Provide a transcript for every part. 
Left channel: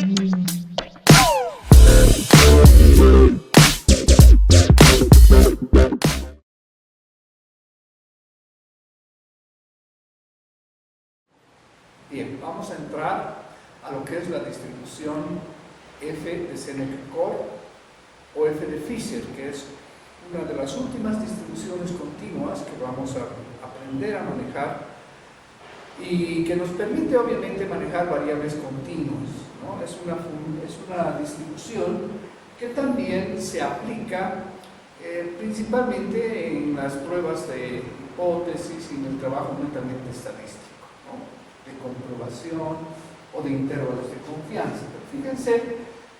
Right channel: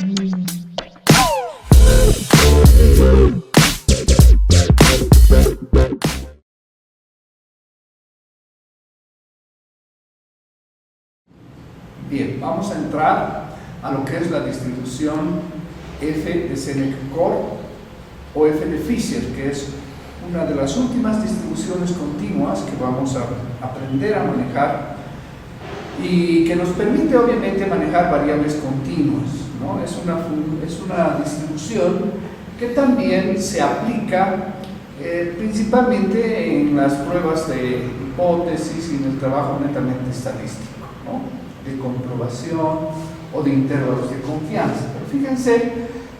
Bien, vamos a entrar a lo que es la distribución F de Sénéca-Corr o F de Fisher, que es una de las últimas distribuciones continuas que vamos a aprender a manejar y que nos permite obviamente manejar variables continuas, ¿no? Es una distribución que también se aplica principalmente en las pruebas de hipótesis y en el trabajo netamente estadístico, ¿no? De comprobación o de intervalos de confianza. Pero fíjense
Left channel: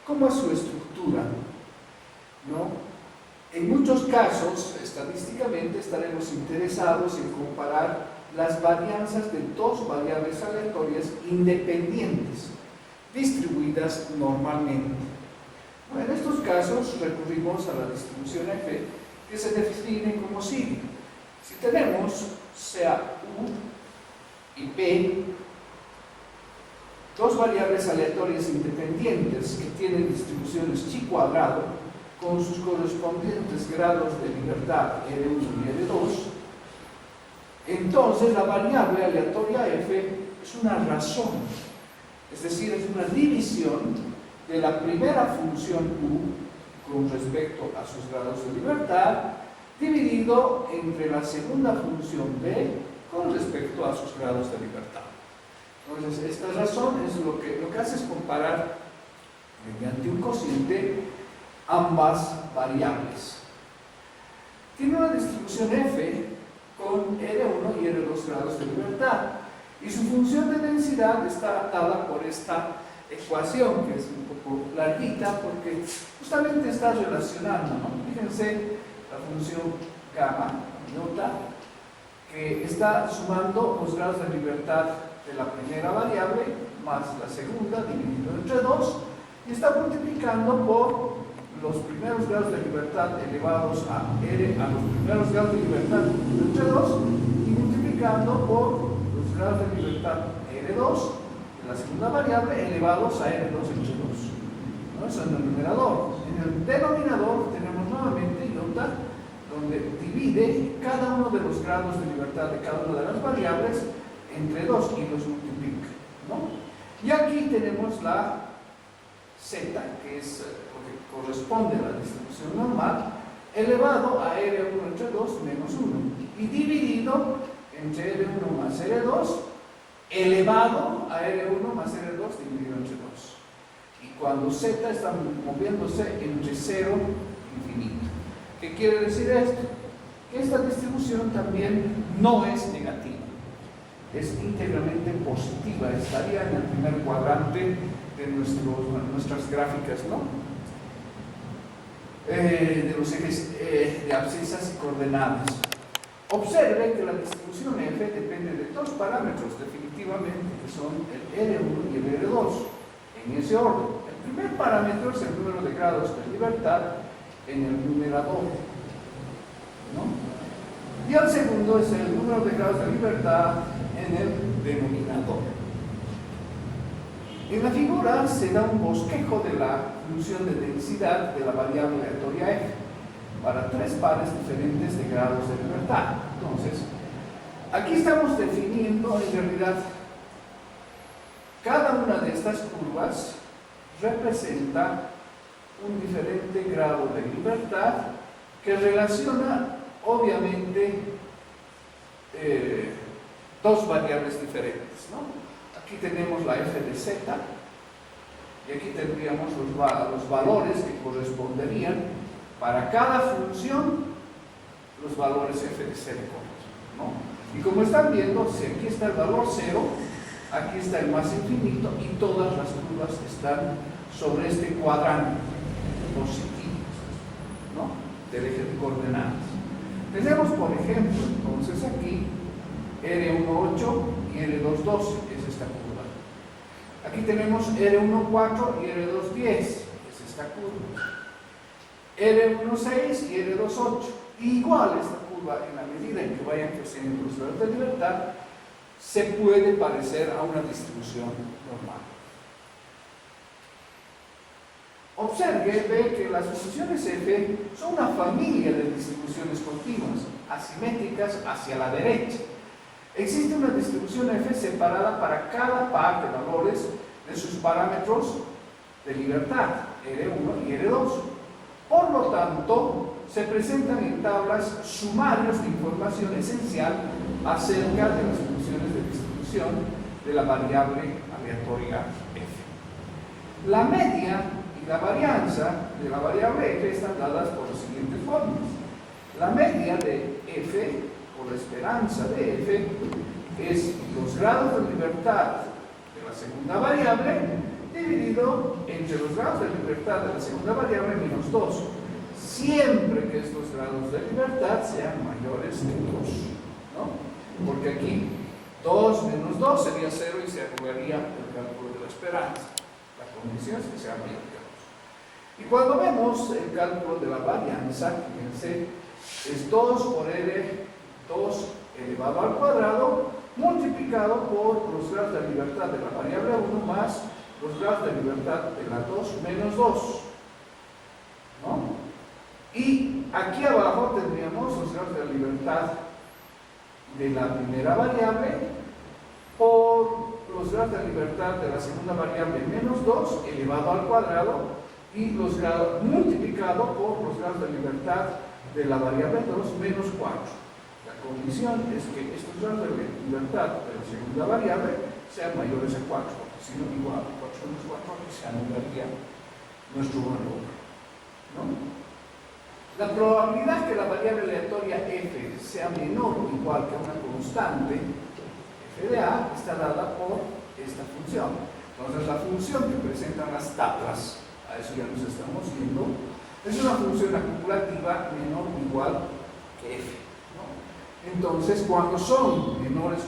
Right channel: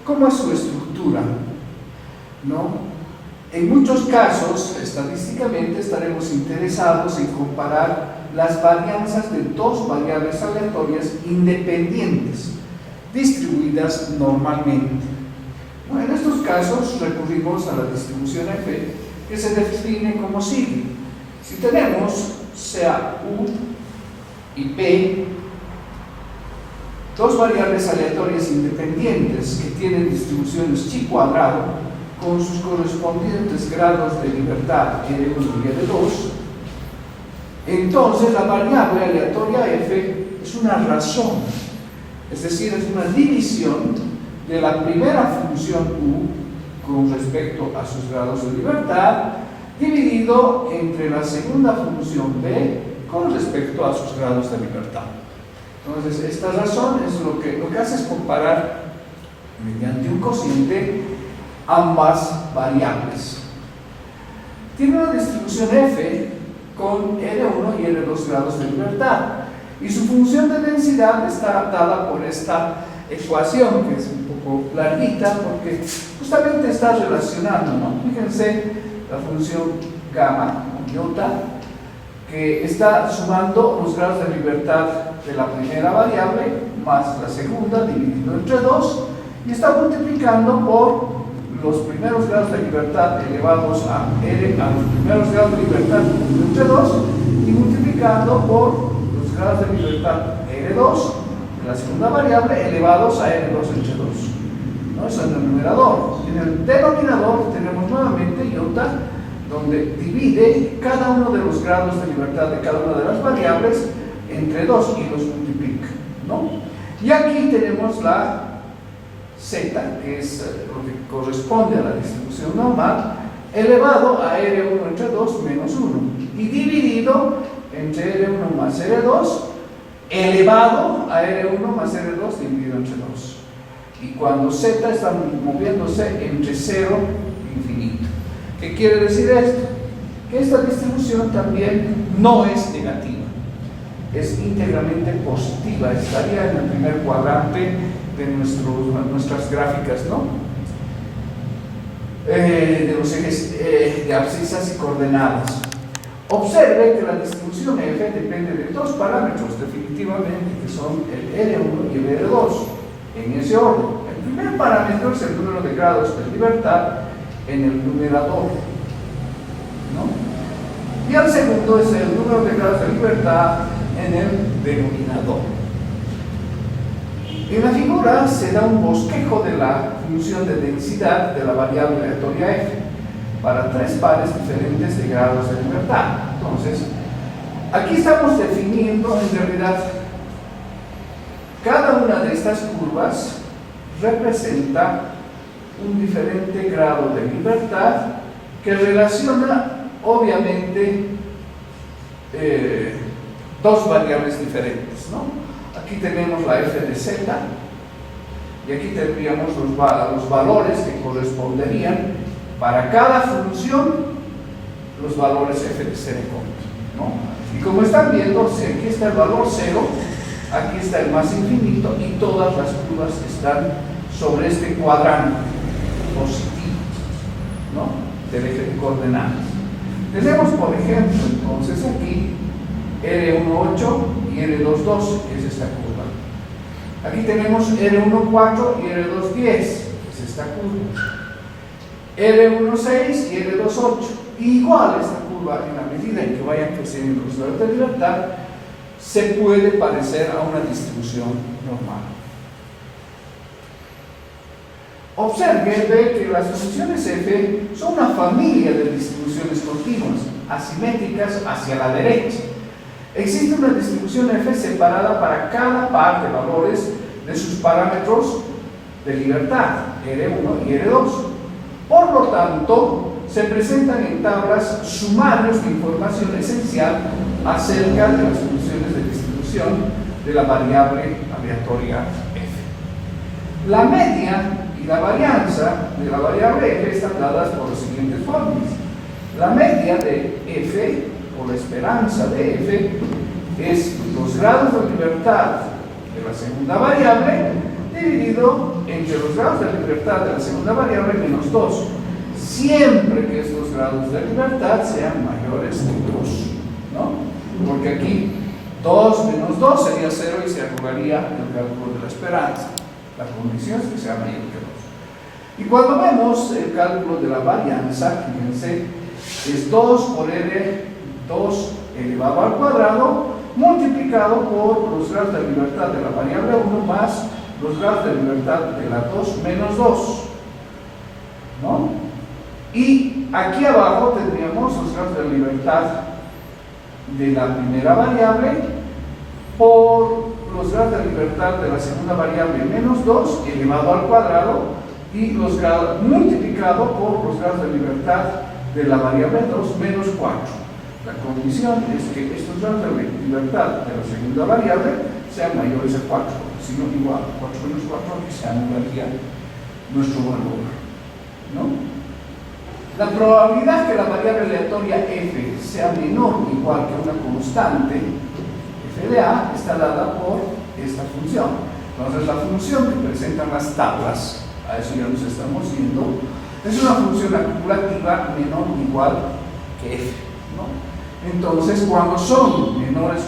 cómo es su estructura, ¿no? En muchos casos, estadísticamente, estaremos interesados en comparar las varianzas de dos variables aleatorias independientes, distribuidas normalmente. Bueno, en estos casos recurrimos a la distribución F, que se define como sigue. Si tenemos sea U y P, dos variables aleatorias independientes que tienen distribuciones chi cuadrado con sus correspondientes grados de libertad R1 y R2, entonces la variable aleatoria F es una razón, es decir, es una división de la primera función U con respecto a sus grados de libertad dividido entre la segunda función B con respecto a sus grados de libertad. Entonces, esta razón es lo que hace es comparar mediante un cociente ambas variables. Tiene una distribución F con R1 y R2 grados de libertad y su función de densidad está dada por esta ecuación, que es un poco larguita porque justamente está relacionando, ¿no? Fíjense la función gamma, iota, que está sumando los grados de libertad de la primera variable más la segunda dividido entre 2 y está multiplicando por los primeros grados de libertad elevados a R, a los primeros grados de libertad dividido entre 2 y multiplicando por los grados de libertad R2 de la segunda variable elevados a R2 entre 2, ¿no? Eso en el numerador. En el denominador tenemos nuevamente iota, donde divide cada uno de los grados de libertad de cada una de las variables entre 2 y los multiplica, ¿no? Y aquí tenemos la Z, que es lo que corresponde a la distribución normal, elevado a R1 entre 2 menos 1 y dividido entre R1 más R2 elevado a R1 más R2 dividido entre 2. Y cuando Z está moviéndose entre 0 e infinito. ¿Qué quiere decir esto? Que esta distribución también no es negativa, es íntegramente positiva, estaría en el primer cuadrante de nuestras gráficas, ¿no? De los ejes de abscisas y coordenadas. Observe que la distribución F depende de dos parámetros, definitivamente, que son el R1 y el R2, en ese orden. El primer parámetro es el número de grados de libertad en el numerador, ¿no? Y el segundo es el número de grados de libertad en el denominador. En la figura se da un bosquejo de la función de densidad de la variable aleatoria F para tres pares diferentes de grados de libertad. Entonces, aquí estamos definiendo en realidad cada una de estas curvas representa un diferente grado de libertad que relaciona obviamente dos variables diferentes, ¿no? Aquí tenemos la F de Z y aquí tendríamos los valores que corresponderían para cada función los valores F de Sénéca-Corr, ¿no? Y como están viendo, si aquí está el valor 0, aquí está el más infinito y todas las curvas están sobre este cuadrante positivo, ¿no? Del eje de coordenadas. Tenemos, por ejemplo, entonces aquí R1,8 y R2,12 es esta curva. Aquí tenemos R1,4 y R2,10 es esta curva. R1,6 y R2,8. Igual esta curva, en la medida en que vayan creciendo los grados de libertad, se puede parecer a una distribución normal. Observe, ve que las funciones f son una familia de distribuciones continuas, asimétricas hacia la derecha. Existe una distribución f separada para cada par de valores de sus parámetros de libertad, R1 y R2. Por lo tanto, se presentan en tablas sumarios de información esencial acerca de las funciones de distribución de la variable aleatoria f. La media y la varianza de la variable f están dadas por las siguientes fórmulas. La media de f, o la esperanza de f, es los grados de libertad de la segunda variable dividido entre los grados de libertad de la segunda variable menos 2, siempre que estos grados de libertad sean mayores de 2, ¿no? Porque aquí 2 menos 2 sería 0 y se anularía el cálculo de la esperanza. La condición es que sea mayor que 2. Y cuando vemos el cálculo de la varianza, fíjense, es 2 por r, 2 elevado al cuadrado, multiplicado por los grados de libertad de la variable 1 más los grados de libertad de la 2 menos 2, ¿no? Y aquí abajo tendríamos los grados de libertad de la primera variable por los grados de libertad de la segunda variable menos 2 elevado al cuadrado y los grados multiplicado por los grados de libertad de la variable 2 menos 4. La condición es que estos grados de libertad de la segunda variable sean mayores a 4, porque si no, igual 4 menos 4 aquí se anularía nuestro valor, ¿no? La probabilidad que la variable aleatoria f sea menor o igual que una constante f de a está dada por esta función. Entonces la función que presentan las tablas, a eso ya nos estamos yendo, es una función acumulativa menor o igual que f, ¿no? Entonces, cuando son menores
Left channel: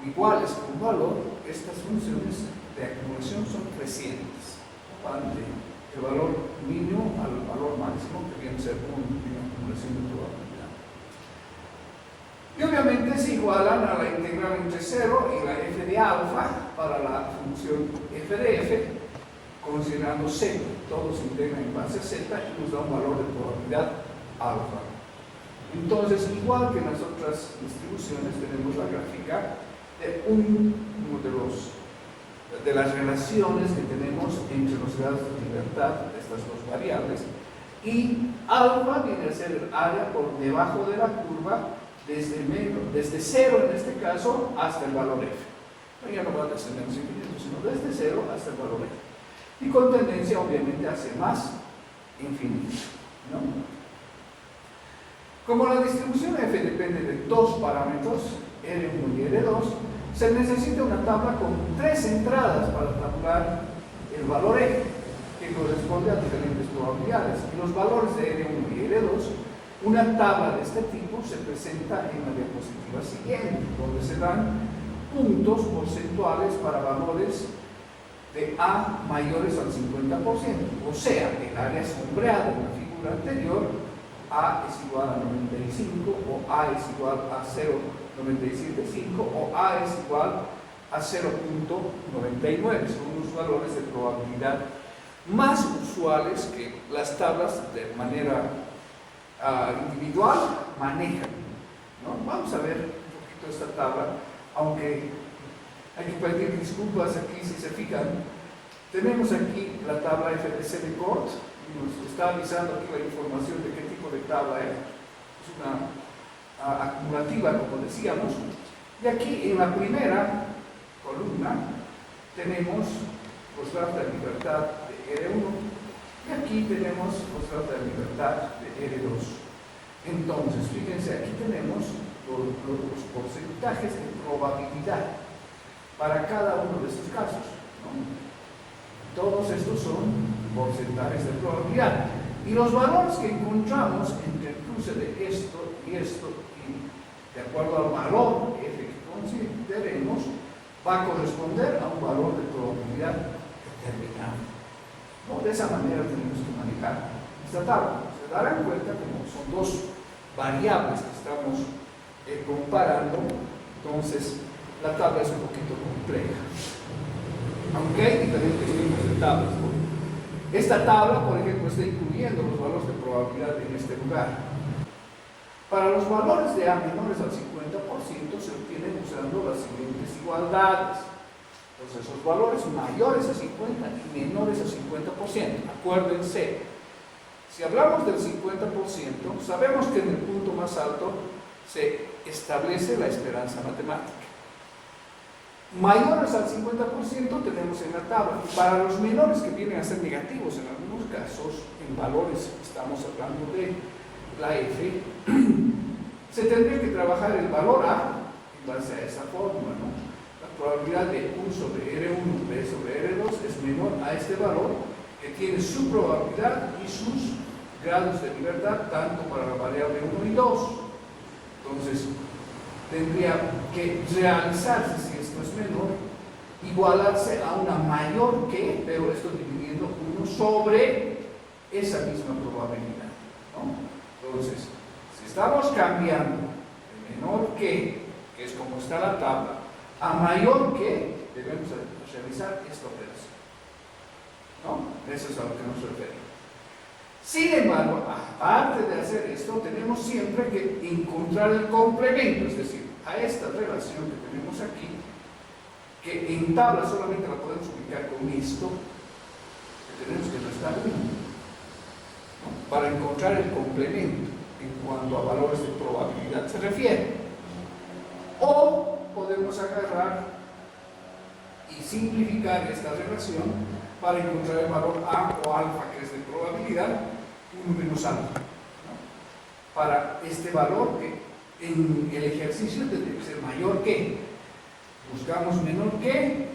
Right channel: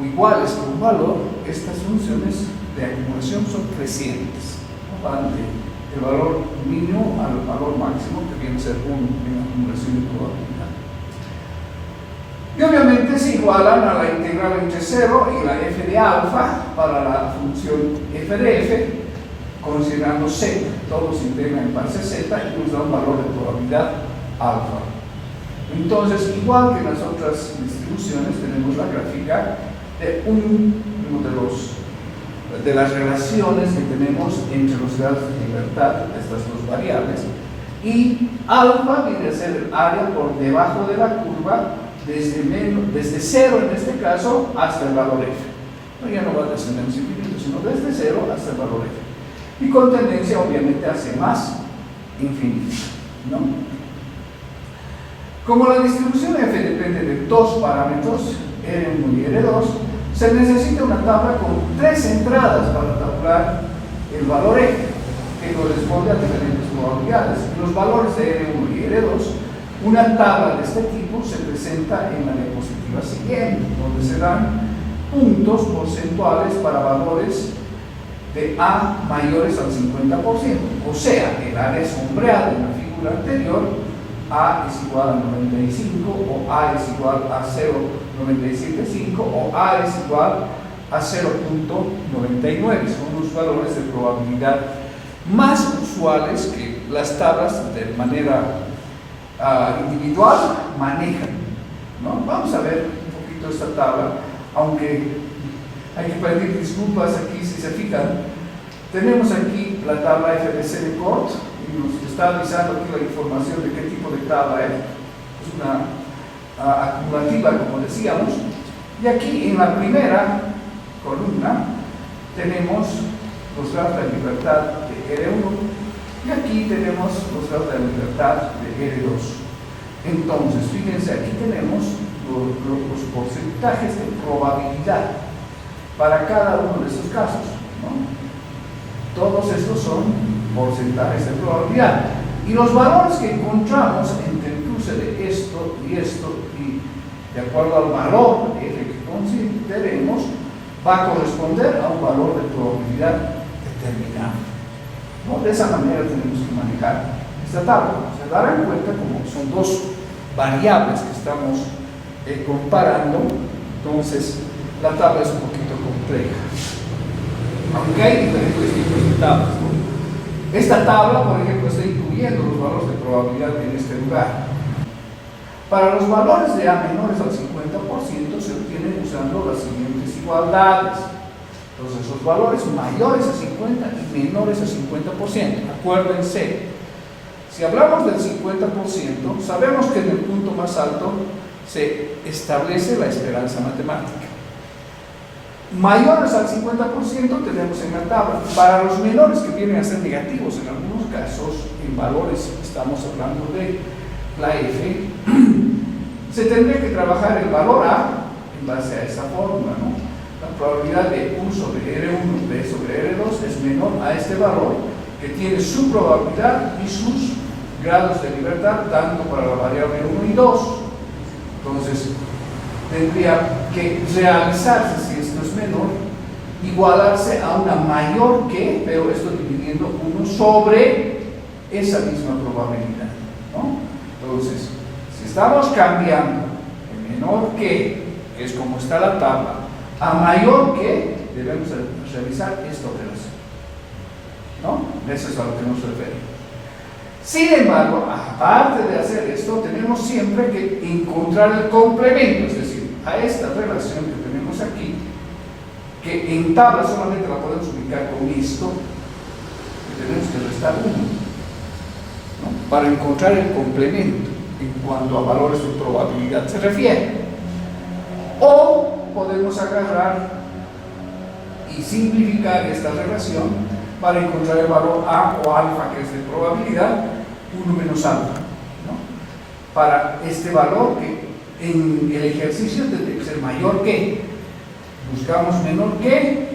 o iguales que un valor, estas funciones de acumulación son crecientes, ¿no? Van del valor mínimo al valor máximo, que viene a ser 1 en acumulación de probabilidad. Y obviamente se igualan a la integral entre 0 y la f de alfa para la función f de f, considerando z. Todos se integran en base z y nos da un valor de probabilidad alfa. Entonces, igual que en las otras distribuciones, tenemos la gráfica de de las relaciones que tenemos entre los grados de libertad de estas dos variables, y alfa viene a ser el área por debajo de la curva desde 0 en este caso hasta el valor f. No, ya no va desde menos infinito, sino desde 0 hasta el valor f. Y con tendencia obviamente hacia más infinito, ¿no? Como la distribución f depende de dos parámetros, R1 y R2, se necesita una tabla con 3 entradas para tabular el valor f, que corresponde a diferentes probabilidades. Y los valores de R1 y R2, una tabla de este tipo se presenta en la diapositiva siguiente, donde se dan puntos porcentuales para valores de A mayores al 50%, o sea, el área sombreada en la figura anterior, A es igual a 95, o A es igual a 0,975, o A es igual a 0,99. Son los valores de probabilidad más usuales que las tablas de manera individual manejan, ¿no? Vamos a ver un poquito esta tabla, aunque hay que pedir disculpas aquí si se fijan. Tenemos aquí la tabla FBC de Cort y nos está avisando aquí la información de qué tipo de tabla es. Es una acumulativa, como decíamos. Y aquí en la primera columna tenemos los grados de libertad de R1 y aquí tenemos los grados de libertad de R2. Entonces, fíjense, aquí tenemos los porcentajes de probabilidad para cada uno de estos casos, ¿no? Todos estos son porcentajes de probabilidad. Y los valores que encontramos entre el cruce de esto, y de acuerdo al valor f que consideremos, va a corresponder a un valor de probabilidad determinado, ¿no? De esa manera tenemos que manejar esta tabla. Se darán cuenta como son dos variables que estamos comparando, entonces la tabla es un poquito compleja, aunque hay diferentes tipos de tablas, ¿no? Esta tabla, por ejemplo, está incluyendo los valores de probabilidad en este lugar. Para los valores de A menores al 50% se obtienen usando las siguientes igualdades. Entonces, los valores mayores a 50 y menores a 50%. Acuérdense, si hablamos del 50%, sabemos que en el punto más alto se establece la esperanza matemática. Mayores al 50% tenemos en la tabla. Para los menores, que vienen a ser negativos en algunos casos, en valores estamos hablando de la F, se tendría que trabajar el valor A en base a esa fórmula, ¿no? La probabilidad de U sobre R1, B sobre R2 es menor a este valor, que tiene su probabilidad y sus grados de libertad, tanto para la variable 1 y 2. Entonces, tendría que realizarse, si esto es menor, igualarse a una mayor que, pero esto dividiendo 1 sobre esa misma probabilidad, ¿no? Entonces, si estamos cambiando el menor que es como está la tabla, a mayor que, debemos realizar esta operación, ¿no? Eso es a lo que nos referimos. Sin embargo, aparte de hacer esto, tenemos siempre que encontrar el complemento, es decir, a esta relación que tenemos aquí, que en tabla solamente la podemos ubicar con esto, que tenemos que restar 1, ¿no? Para encontrar el complemento en cuanto a valores de probabilidad se refiere. O podemos agarrar y simplificar esta relación para encontrar el valor A o alfa, que es de probabilidad, 1 menos alfa, ¿no? Para este valor que en el ejercicio tendría que ser mayor que, buscamos menor que,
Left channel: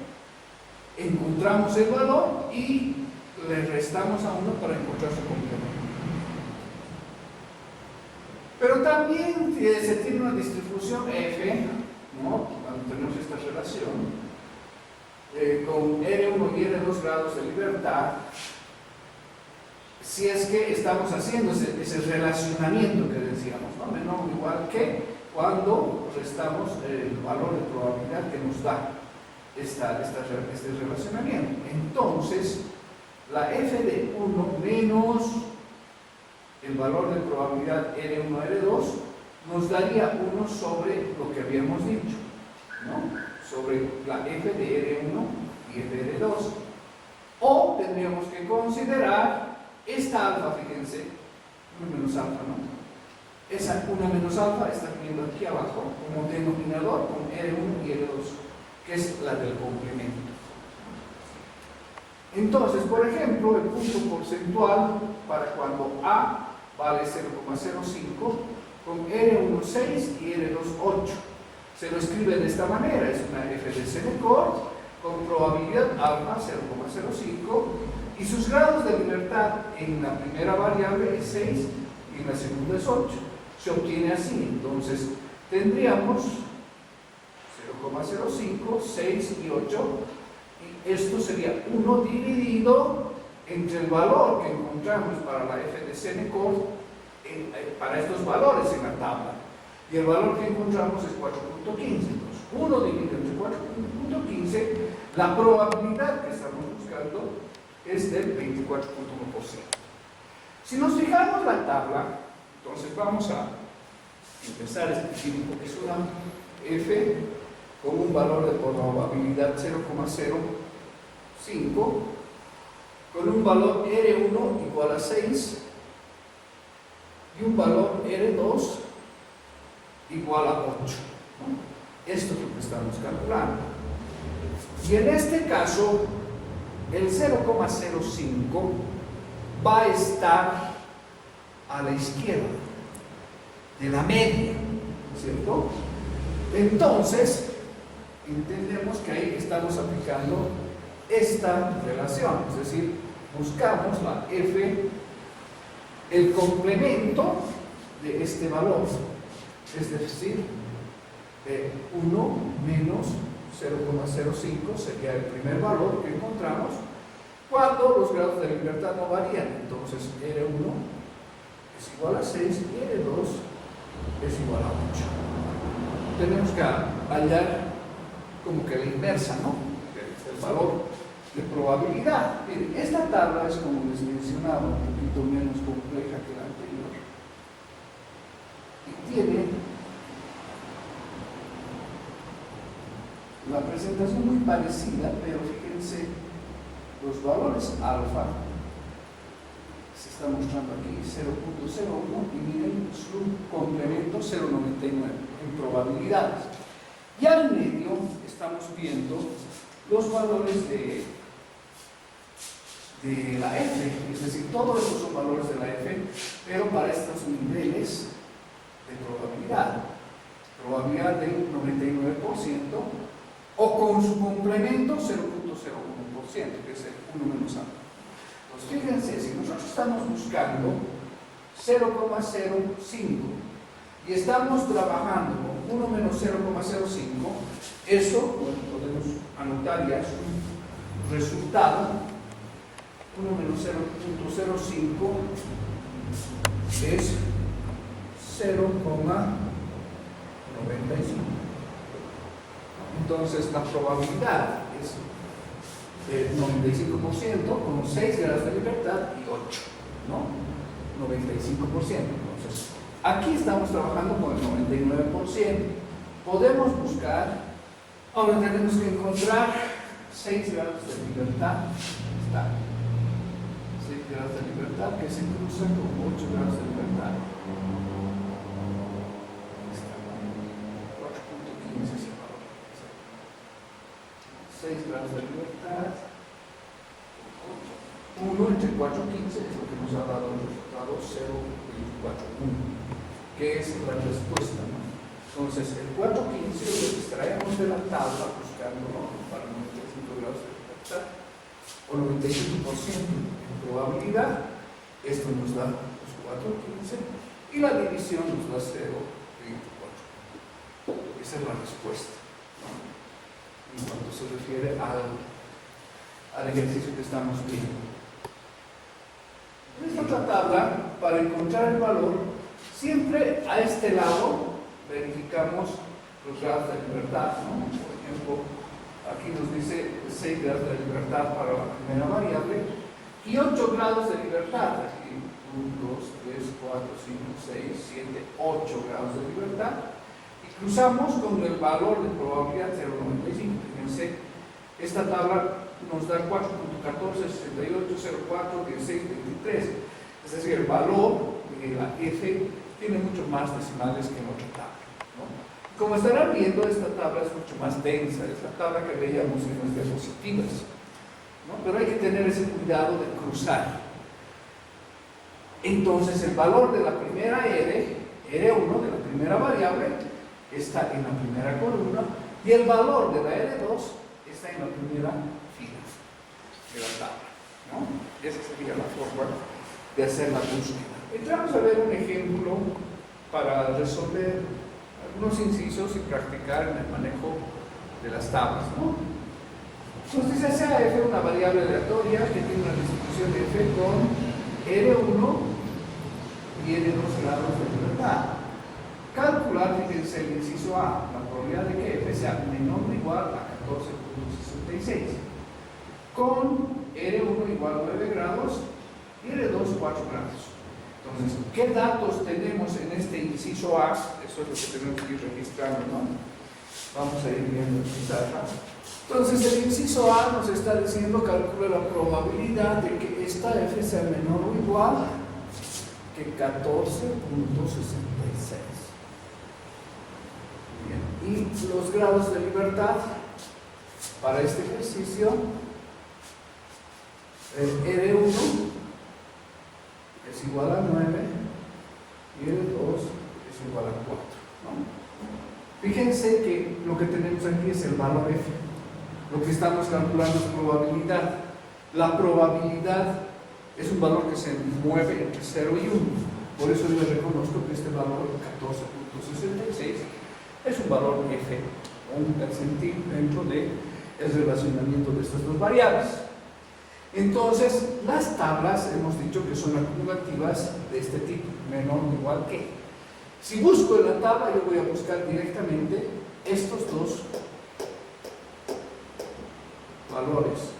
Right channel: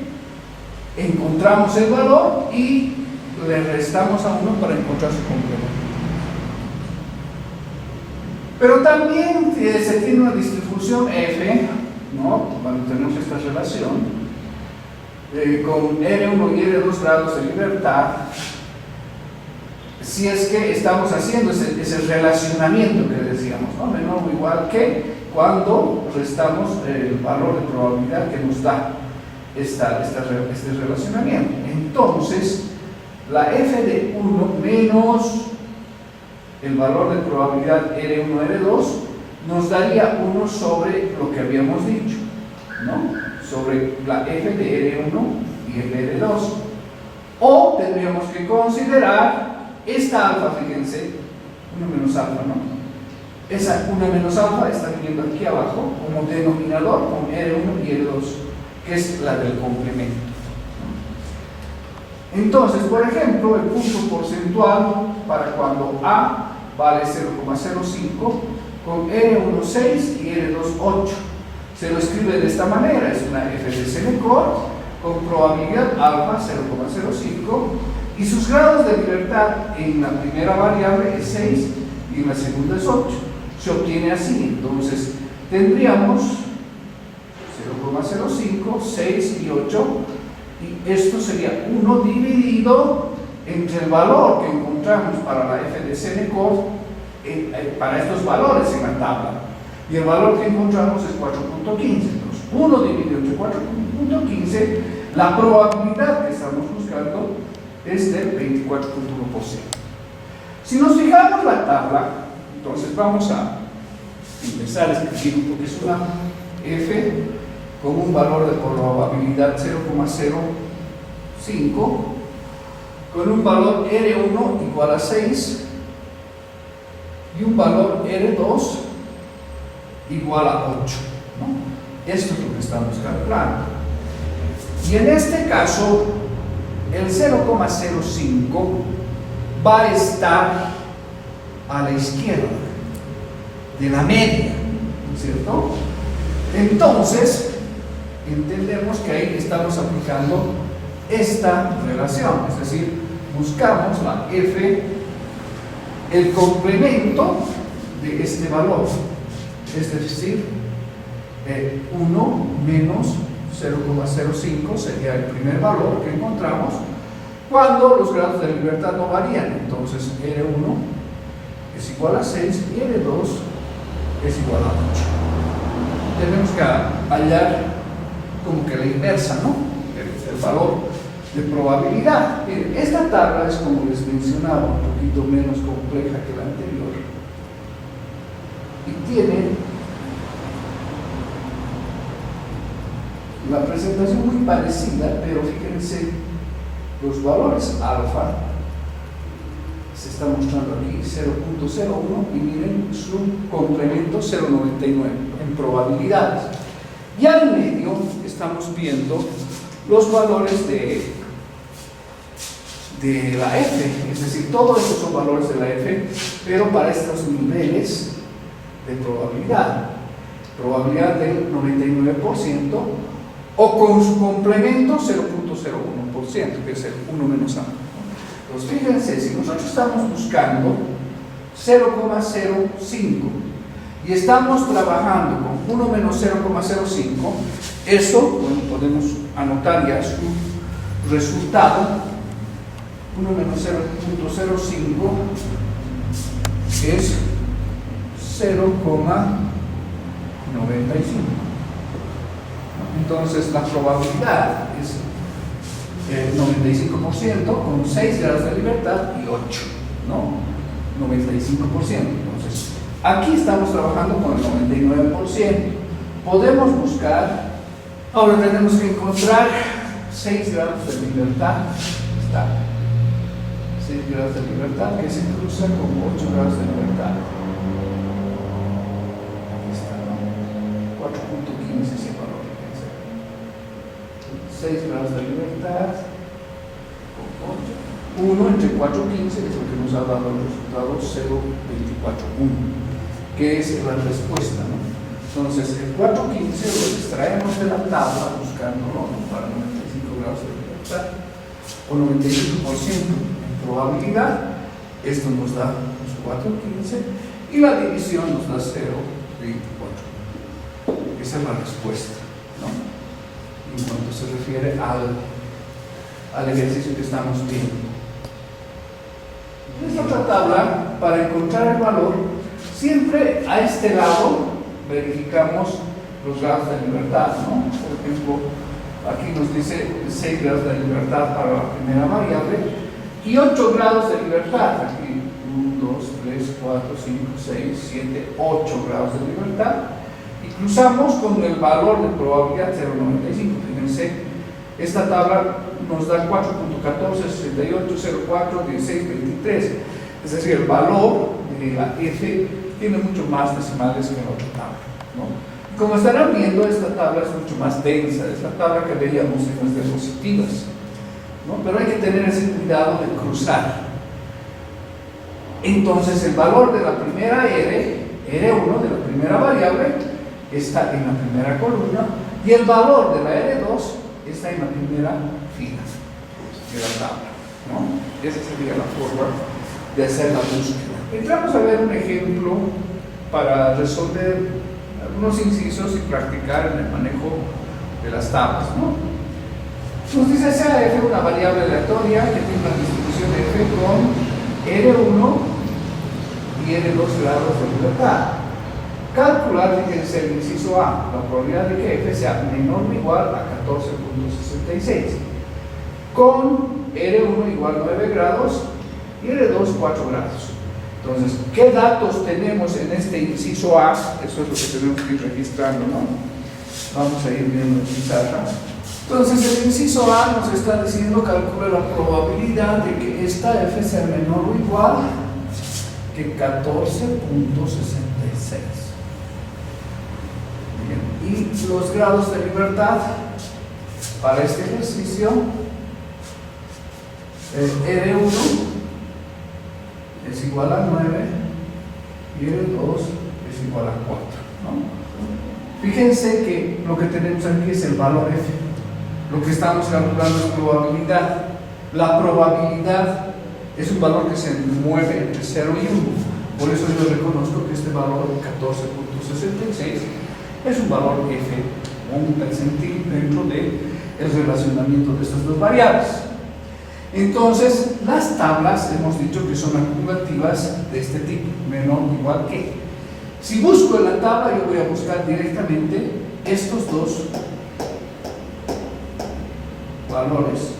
encontramos el valor y le restamos a 1 para encontrar su complemento. Pero también se tiene una distribución F, ¿no? Cuando tenemos esta relación con R1 y R2 grados de libertad, si es que estamos haciendo ese relacionamiento que decíamos, ¿no? Menor o igual que, cuando restamos el valor de probabilidad que nos da este relacionamiento. Entonces, la F de 1 menos el valor de probabilidad R1, R2 nos daría 1 sobre lo que habíamos dicho, ¿no? Sobre la F de R1 y F de R2. O tendríamos que considerar esta alfa, fíjense, 1 menos alfa, ¿no? Esa 1 menos alfa está viniendo aquí abajo como denominador con R1 y R2, que es la del complemento. Entonces, por ejemplo, el punto porcentual para cuando A vale 0,05 con R1 6 y R2 8. Se lo escribe de esta manera, es una F de Senecor con probabilidad alfa 0,05 y sus grados de libertad en la primera variable es 6 y en la segunda es 8. Se obtiene así, entonces tendríamos 0,05, 6 y 8, y esto sería 1 dividido entre el valor que encontramos para la F de Senecor, para estos valores en la tabla, y el valor que encontramos es 4.15. Entonces 1 dividido entre 4.15, la probabilidad que estamos buscando es del 24.1%. Si nos fijamos la tabla, entonces vamos a empezar a escribir, porque es una F con un valor de probabilidad 0,05, con un valor R1 igual a 6 y un valor R2 igual a 8, ¿no? Esto es lo que estamos calculando. Y en este caso, el 0,05 va a estar a la izquierda de la media, ¿no es cierto? Entonces, entendemos que ahí estamos aplicando esta relación, es decir, buscamos la F, el complemento de este valor, es decir, 1 menos 0,05 sería el primer valor que encontramos cuando los grados de libertad no varían. Entonces R1 es igual a 6 y R2 es igual a 8. Tenemos que hallar como que la inversa, ¿no? El valor de probabilidad. Miren, esta tabla es, como les mencionaba, un poquito menos compleja que la anterior y tiene la presentación muy parecida, pero fíjense, los valores alfa se está mostrando aquí 0.01 y miren su complemento 0.99 en probabilidades. Y al medio estamos viendo los valores de la F, es decir, todos estos son valores de la F, pero para estos niveles de probabilidad del 99% o con su complemento 0.01%, que es el 1 menos A. Entonces, fíjense, si nosotros estamos buscando 0,05 y estamos trabajando con 1 menos 0,05, eso, bueno, podemos anotar ya su resultado. 1 menos 0.05 es 0,95. Entonces la probabilidad es el 95% con 6 grados de libertad y 8, ¿no? 95%. Entonces, aquí estamos trabajando con el 99%. Podemos buscar, ahora tenemos que encontrar 6 grados de libertad. Está 6 grados de libertad que se cruza con 8 grados de libertad. Aquí está, ¿no? 4.15 es el valor. 6 grados de libertad con 8. 1 entre 4.15 es lo que nos ha dado el resultado 0.241, que es la respuesta, ¿no? Entonces, el 4.15 lo extraemos de la tabla buscándolo, ¿no? Para 95 grados de libertad o 95% en probabilidad. Esto nos da los 4.15 y la división nos da 0.24. Esa es la respuesta, ¿no? En cuanto se refiere al ejercicio que estamos viendo. En esta otra tabla, para encontrar el valor, siempre a este lado verificamos los grados de libertad, ¿no? Por ejemplo, aquí nos dice 6 grados de libertad para la primera variable y 8 grados de libertad. Aquí 1, 2, 3, 4, 5, 6, 7, 8 grados de libertad. Y cruzamos con el valor de probabilidad 0.95. Fíjense, esta tabla nos da 4.14, 68, 04, 16, 23. Es decir, el valor de la F tiene mucho más decimales que en la otra tabla, ¿no? Y como estarán viendo, esta tabla es mucho más densa. Es la tabla que veíamos en las diapositivas, ¿no? Pero hay que tener ese cuidado de cruzar. Entonces, el valor de la primera R1, de la primera variable, está en la primera columna y el valor de la R2 está en la primera fila de la tabla, ¿no? Esa sería la forma de hacer la búsqueda. Entramos a ver un ejemplo para resolver algunos incisos y practicar en el manejo de las tablas, ¿no? Nos dice sea F una variable aleatoria que tiene una distribución de F con R1 y R2 grados de libertad. Calcular, fíjense, el inciso A, la probabilidad de que F sea menor o igual a 14.66, con R1 igual a 9 grados y R2 4 grados. Entonces, ¿qué datos tenemos en este inciso A? Eso es lo que tenemos que ir registrando, ¿no? Vamos a ir viendo en pizarra. Entonces, el inciso A nos está diciendo calcula la probabilidad de que esta F sea menor o igual que 14.66. Y los grados de libertad para este ejercicio, R1 es igual a 9 y R2 es igual a 4, ¿no? Fíjense que lo que tenemos aquí es el valor F. Lo que estamos calculando es probabilidad. La probabilidad es un valor que se mueve entre 0 y 1. Por eso yo reconozco que este valor 14.66 es un valor F o un percentil dentro del relacionamiento de estas dos variables. Entonces, las tablas hemos dicho que son acumulativas de este tipo, menor o igual que. Si busco en la tabla, yo voy a buscar directamente estos dos valores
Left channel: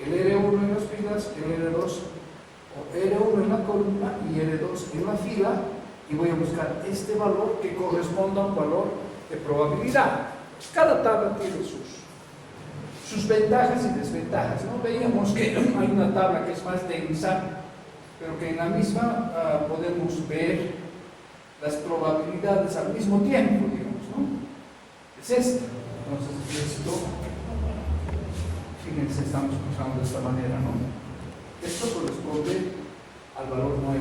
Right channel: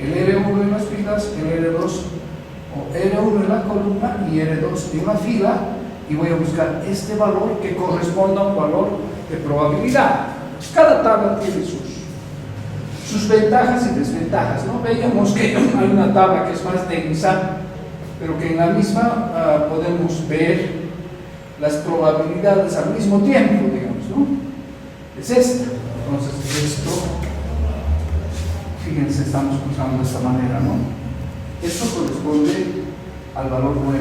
el R1 en las filas, el R2 o R1 en la columna y R2 en la fila, y voy a buscar este valor que corresponda a un valor de probabilidad. Cada tabla tiene sus ventajas y desventajas, ¿no? Veíamos que hay una tabla que es más densa, pero que en la misma podemos ver las probabilidades al mismo tiempo, digamos, ¿no? Es esta. Entonces, esto, fíjense, estamos usando de esta manera, ¿no? Esto corresponde al valor 9,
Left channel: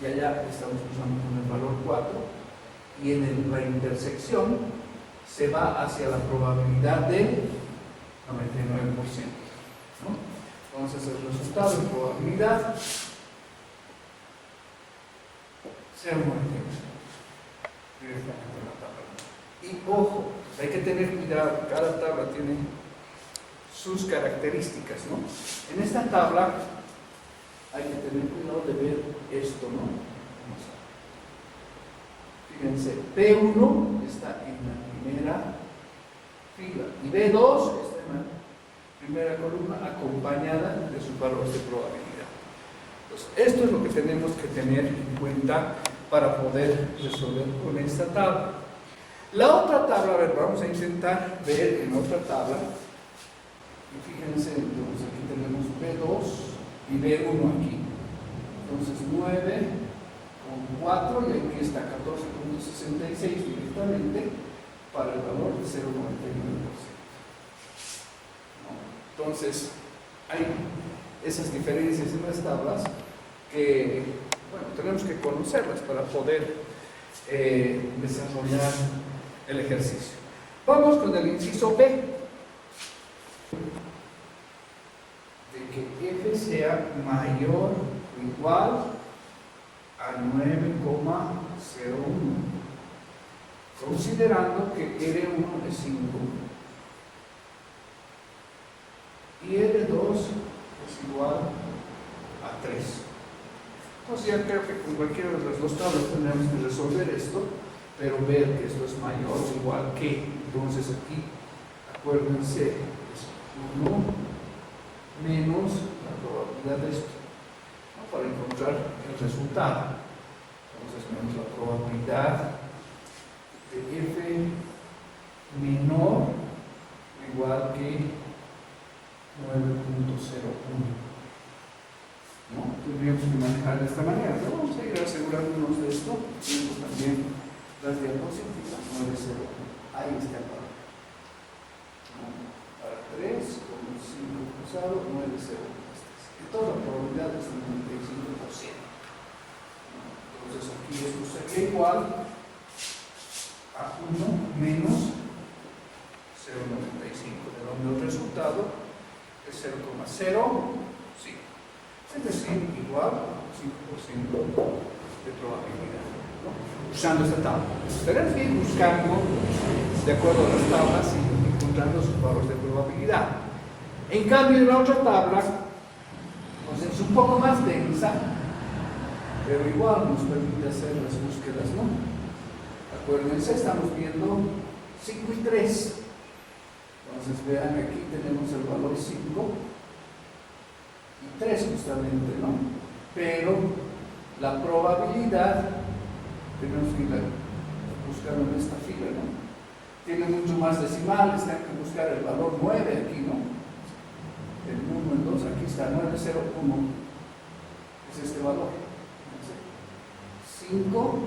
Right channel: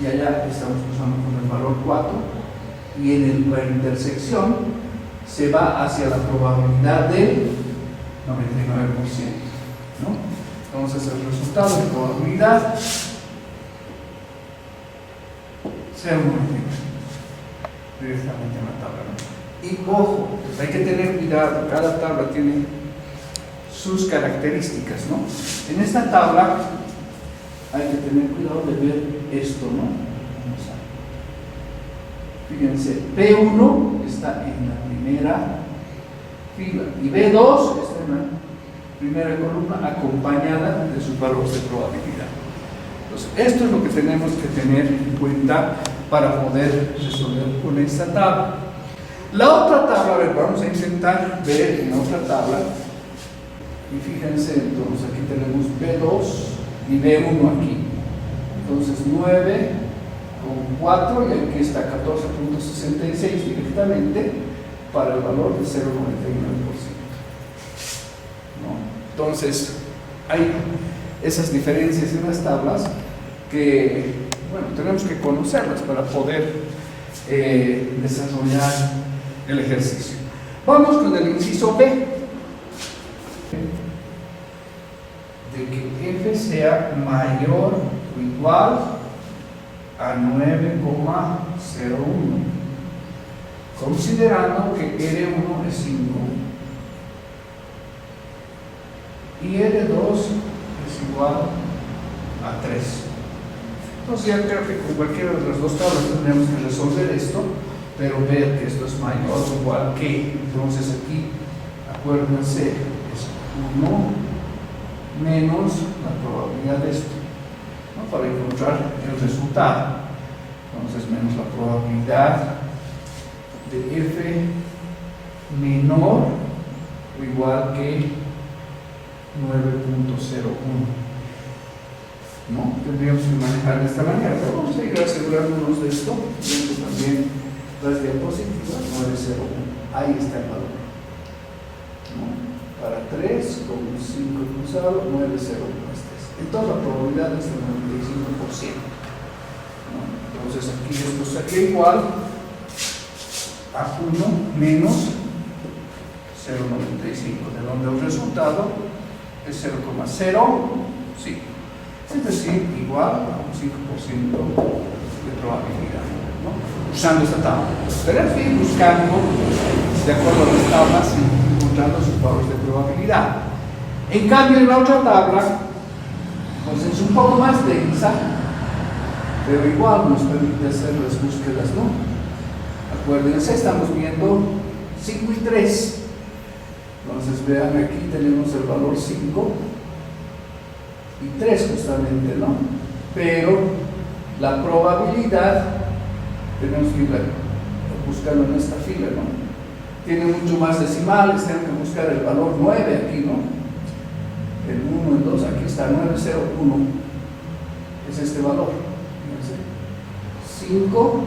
y allá estamos usando con el valor 4, y en la intersección se va hacia la probabilidad del 99%, ¿no? Entonces el resultado de probabilidad 0,99 directamente en la tabla, ¿no? Y ojo, pues hay que tener cuidado, cada tabla tiene sus características, ¿no? En esta tabla hay que tener cuidado de ver esto, ¿no? Vamos a, fíjense, P1 está en la primera fila y B2 está en la primera columna acompañada de sus valores de probabilidad. Entonces, esto es lo que tenemos que tener en cuenta para poder resolver con esta tabla. La otra tabla, a ver, vamos a intentar ver en la otra tabla, y fíjense, entonces aquí tenemos B2 y B1 aquí. Entonces 9 con 4, y aquí está 14.66 directamente para el valor de 0,99%, ¿no? Entonces hay esas diferencias en las tablas que, bueno, tenemos que conocerlas para poder desarrollar el ejercicio. Vamos con el inciso B, de que F sea mayor o igual a 9,01, considerando que R1 es 5 y R2 es igual a 3. Entonces ya creo que con cualquiera de las dos tablas tendremos que resolver esto, pero ver que esto es mayor o igual que, entonces aquí acuérdense, es 1 menos la probabilidad de esto, ¿no? Para encontrar el resultado. Entonces menos la probabilidad de F menor o igual que 9,01, ¿no? Tendríamos que manejar de esta manera, pero vamos a ir asegurándonos de esto, viendo también las diapositivas. 9,01, ahí está el valor, ¿no? Para 3 con 5 cruzado, 9,01 es 3. Entonces la probabilidad es del 95%, ¿no? Entonces aquí esto sería igual a 1 menos 0,95, de donde el resultado es 0,05, es decir, igual a un 5% de probabilidad, ¿no? Usando esta tabla. Tener que ir buscando, de acuerdo a las tablas, y encontrando sus valores de probabilidad. En cambio, en la otra tabla, pues es un poco más densa, pero igual nos permite hacer las búsquedas, ¿no? Acuérdense, estamos viendo 5 y 3. Entonces vean, aquí tenemos el valor 5 y 3 justamente, ¿no? Pero la probabilidad tenemos que ir buscando en esta fila, ¿no? Tiene mucho más decimales, tengo que buscar el valor 9 aquí, ¿no? El 1, el 2, aquí está 9,01, es este valor. Fíjense, 5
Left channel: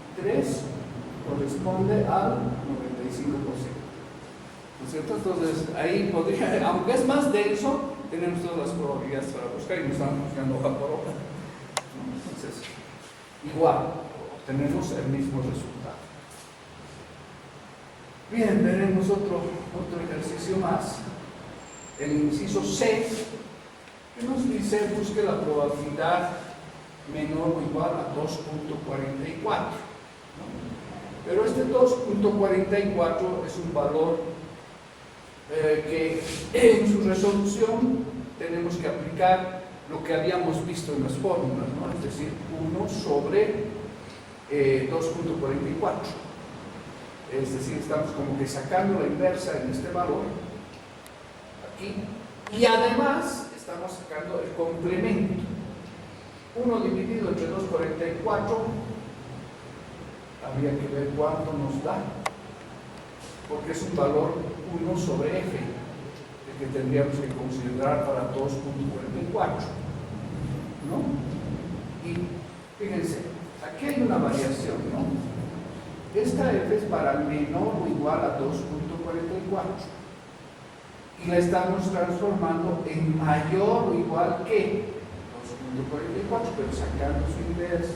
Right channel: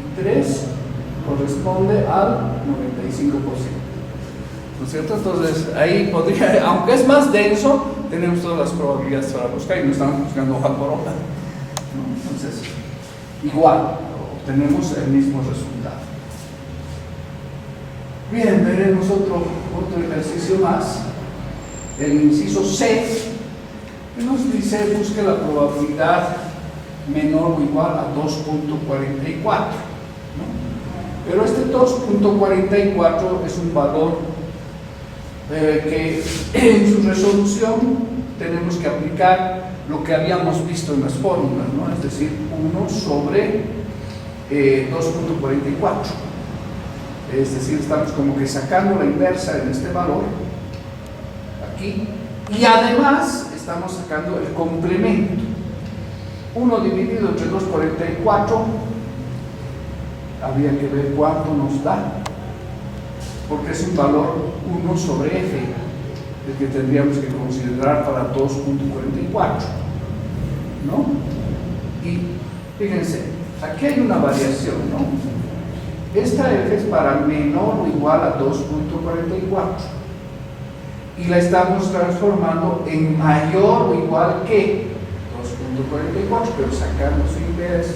y 3 corresponde al 95%, ¿no es cierto? Entonces ahí podría, aunque es más denso, tenemos todas las probabilidades para buscar y no estamos buscando hoja por hoja, ¿no? Entonces igual obtenemos el mismo resultado. Bien, veremos otro ejercicio más, el inciso C, que nos dice busque la probabilidad menor o igual a 2,44, ¿no? Pero este 2,44 es un valor que en su resolución tenemos que aplicar lo que habíamos visto en las fórmulas, ¿no? Es decir, 1 sobre 2,44. Es decir, estamos como que sacando la inversa en este valor aquí Y además estamos sacando el complemento. 1 dividido entre 2,44, habría que ver cuánto nos da, porque es un valor 1 sobre f, el que tendríamos que considerar para 2,44, ¿no? Y fíjense, aquí hay una variación, ¿no? Esta f es para menor o igual a 2,44 y la estamos transformando en mayor o igual que 2,44, pero sacando su inversa,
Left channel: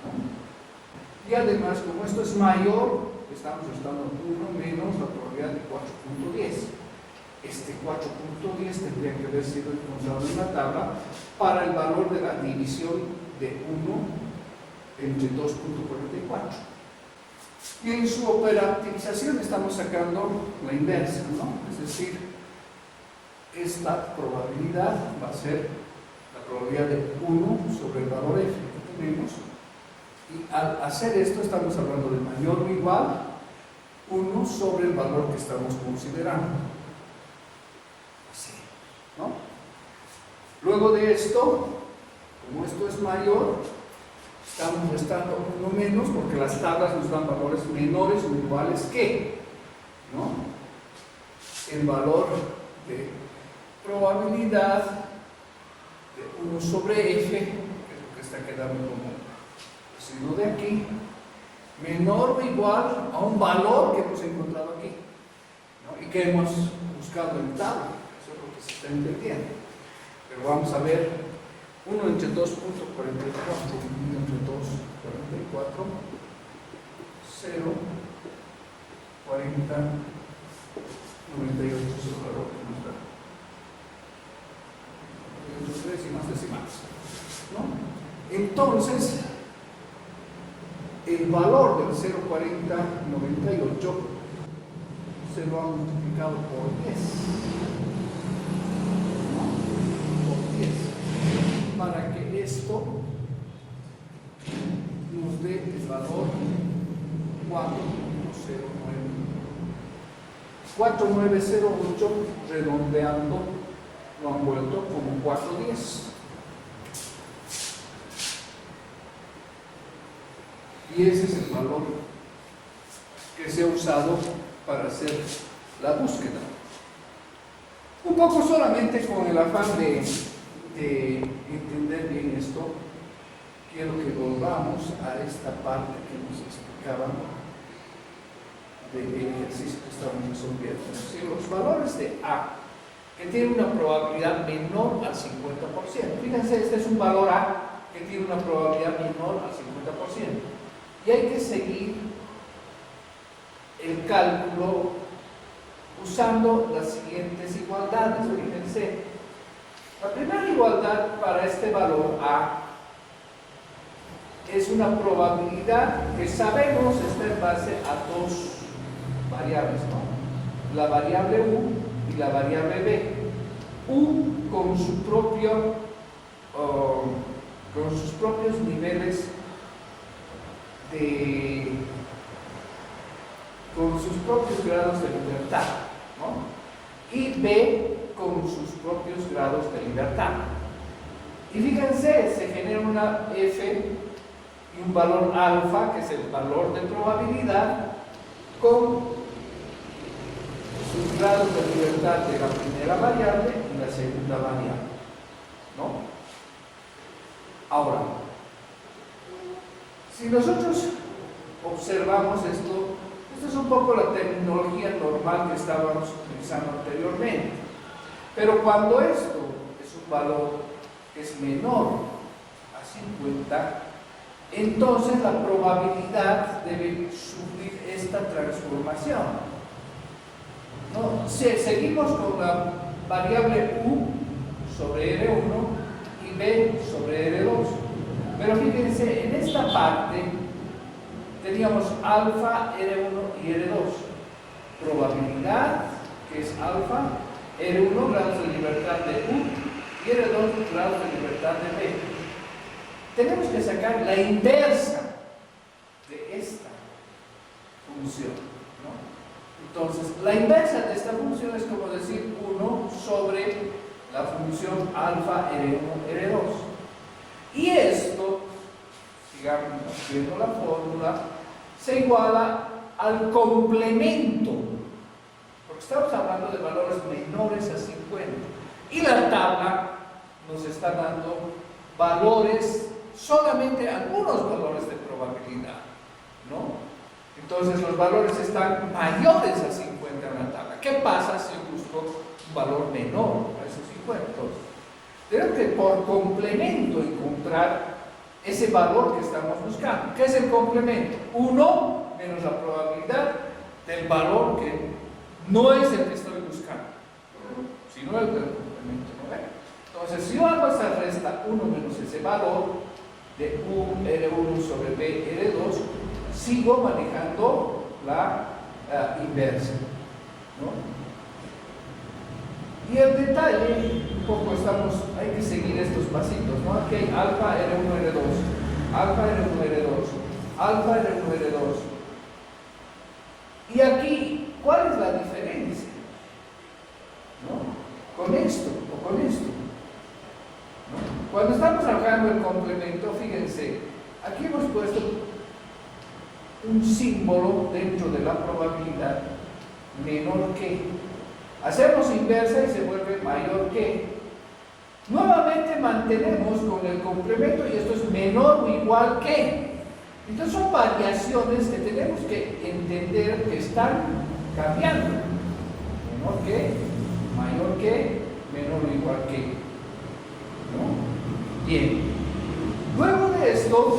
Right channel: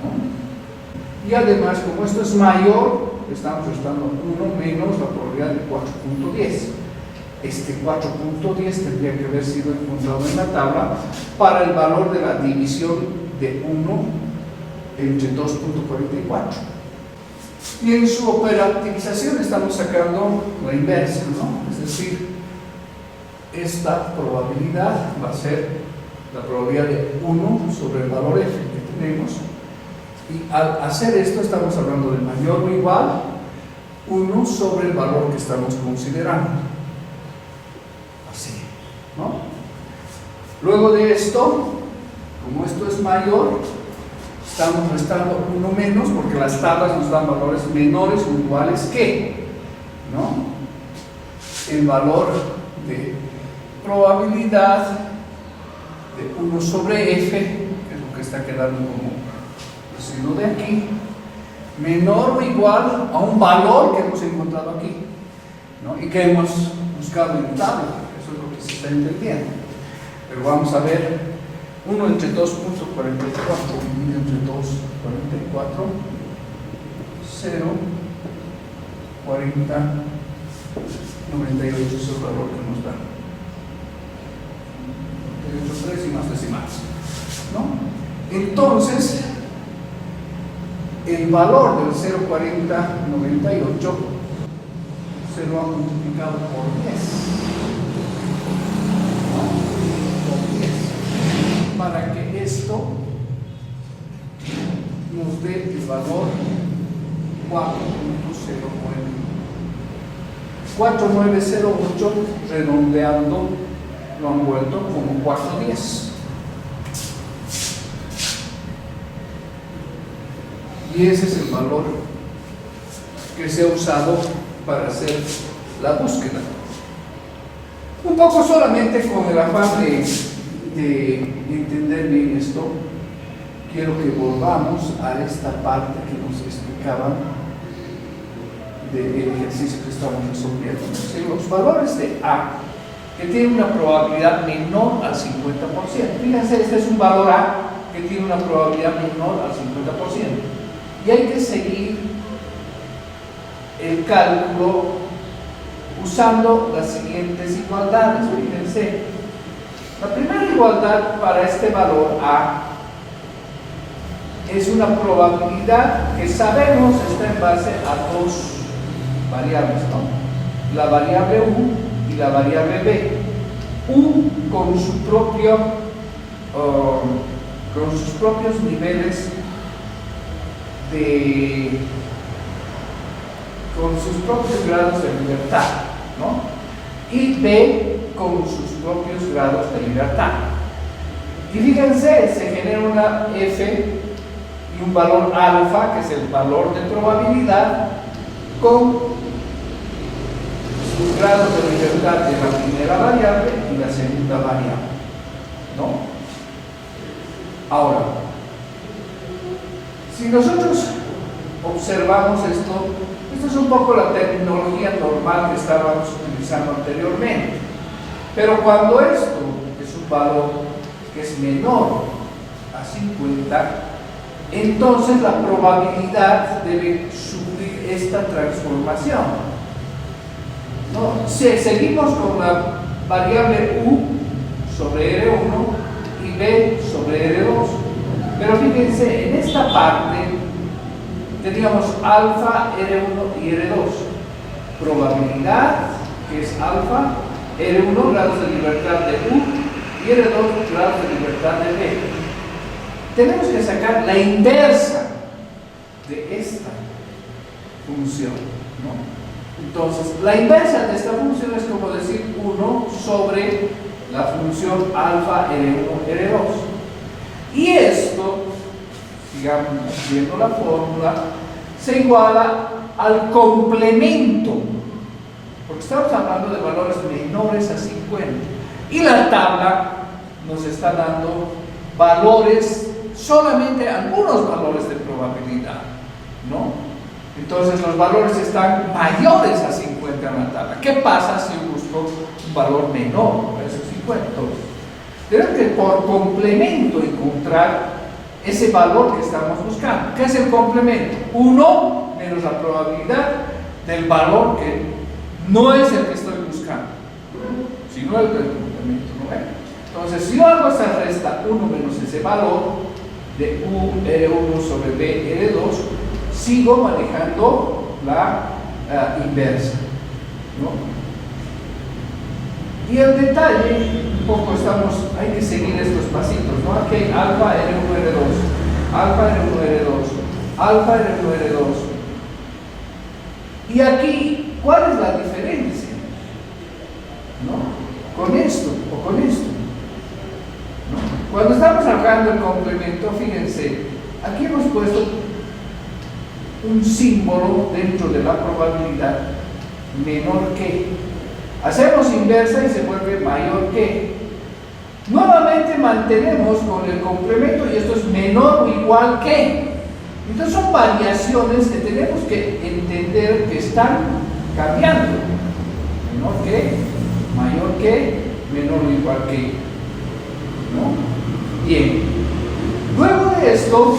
¿no? Y además, como esto es mayor, estamos restando 1 menos la probabilidad de 4,10. Este 4,10 tendría que haber sido encontrado en la tabla para el valor de la división de 1 entre 2,44. Y en su operativización estamos sacando la inversa, ¿no? Es decir, esta probabilidad va a ser la probabilidad de 1 sobre el valor f que tenemos, y al hacer esto estamos hablando de mayor o igual 1 sobre el valor que estamos considerando, así, ¿no? Luego de esto, como esto es mayor, estamos restando 1 menos, porque las tablas nos dan valores menores o iguales que, ¿no? El valor de probabilidad de 1 sobre f, que es lo que está quedando como residuo de aquí, menor o igual a un valor que hemos encontrado aquí, ¿no? Y que hemos buscado en tabla. Eso es lo que se está entendiendo. Pero vamos a ver, 1 entre 2,44 dividido entre 2,44, 0,40,98 es el valor que nos da. 3 y más decimales, ¿no? Entonces, el valor del 0,4098 se lo ha multiplicado por 10, ¿no? Por 10, para que esto nos dé el valor 4,09. 4,908, redondeando, lo han vuelto como 4,10. Y ese es el valor que se ha usado para hacer la búsqueda. Un poco solamente con el afán de entender bien esto, quiero que volvamos a esta parte que nos explicaban del ejercicio que estamos resolviendo. Si los valores de A, que tienen una probabilidad menor al 50%, fíjense, este es un valor A que tiene una probabilidad menor al 50%. Y hay que seguir el cálculo usando las siguientes igualdades. Fíjense, la primera igualdad para este valor A es una probabilidad que sabemos está en base a dos variables, ¿no? La variable U y la variable B. U con sus propios niveles con sus propios grados de libertad, ¿no? Y B con sus propios grados de libertad. Y fíjense, se genera una F y un valor alfa, que es el valor de probabilidad, con sus grados de libertad de la primera variable y la segunda variable, ¿no? Ahora, si nosotros observamos esto es un poco la terminología normal que estábamos utilizando anteriormente. Pero cuando esto es un valor que es menor a 50, entonces la probabilidad debe sufrir esta transformación, ¿no? Si seguimos con la variable U sobre R1 y B sobre R2. Pero fíjense, en esta parte teníamos alfa, R1 y R2. Probabilidad, que es alfa, R1 grados de libertad de U y R2 grados de libertad de B. Tenemos que sacar la inversa de esta función, ¿no? Entonces, la inversa de esta función es como decir 1 sobre la función alfa R1, R2. Y esto, sigamos viendo la fórmula, se iguala al complemento, porque estamos hablando de valores menores a 50. Y la tabla nos está dando valores, solamente algunos valores de probabilidad, ¿no? Entonces los valores están mayores a 50 en la tabla. ¿Qué pasa si yo busco un valor menor a esos 50? Entonces, tenemos que por complemento encontrar ese valor que estamos buscando. ¿Qué es el complemento? 1 menos la probabilidad del valor que no es el que estoy buscando, sino el del complemento, ¿no? Entonces, si yo hago esa resta 1 menos ese valor de U R1 sobre B R2, sigo manejando la inversa, ¿no? Y el detalle, un poco hay que seguir estos pasitos, ¿no? Aquí hay alfa R1 R2, alfa R1 R2, alfa R1 R2. Y aquí, ¿cuál es la diferencia? ¿No? Con esto o con esto, ¿no? Cuando estamos sacando el complemento, fíjense, aquí hemos puesto un símbolo dentro de la probabilidad menor que. Hacemos inversa y se vuelve mayor que. Nuevamente mantenemos con el complemento y esto es menor o igual que. Entonces son variaciones que tenemos que entender que están cambiando. Menor que, mayor que, menor o igual que, ¿no? Bien. Luego de esto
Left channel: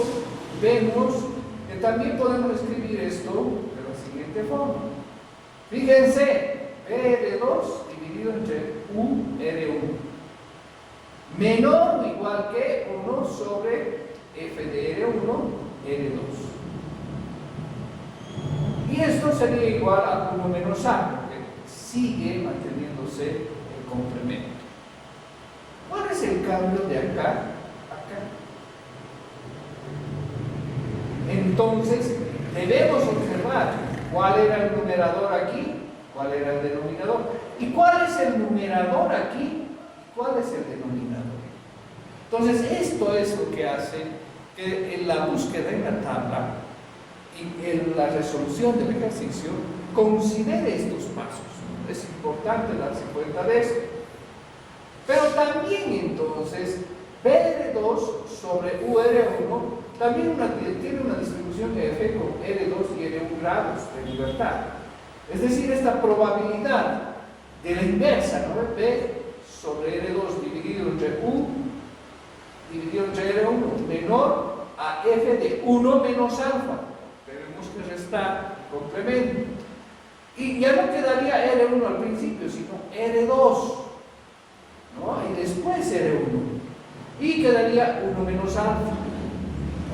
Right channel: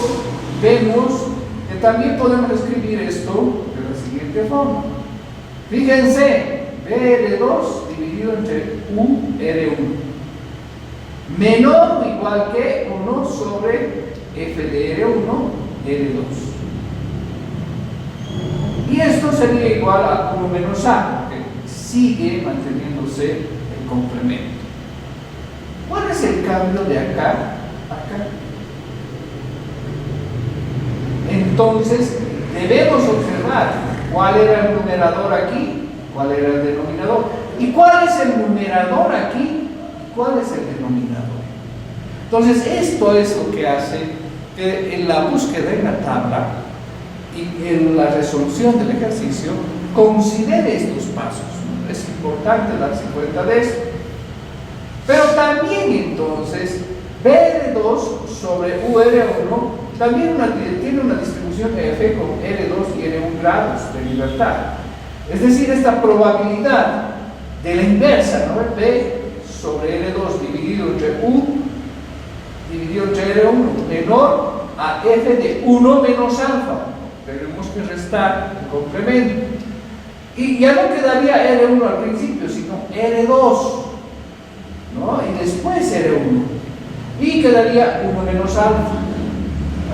vemos que también podemos escribir esto de la siguiente forma. Fíjense, BR2 dividido entre UR1 menor o igual que 1 sobre F de R1 R2. Y esto sería igual a 1 menos A, porque sigue manteniéndose el complemento. ¿Cuál es el cambio de acá a acá? Entonces, debemos observar cuál era el numerador aquí, cuál era el denominador, y cuál es el numerador aquí, y cuál es el denominador. Entonces, esto es lo que hace que en la búsqueda en la tabla y en la resolución del ejercicio considere estos pasos, ¿no? Es importante darse cuenta de esto. Pero también entonces, BR2 sobre UR1 también tiene una distribución F con R2 y R1 grados de libertad. Es decir, esta probabilidad de la inversa, ¿no? B sobre R2 dividido entre U dividido entre R1 menor a F de 1 menos alfa. Tenemos que restar el complemento. Y ya no quedaría R1 al principio, sino R2, ¿no? Y después R1. Y quedaría 1 menos alfa.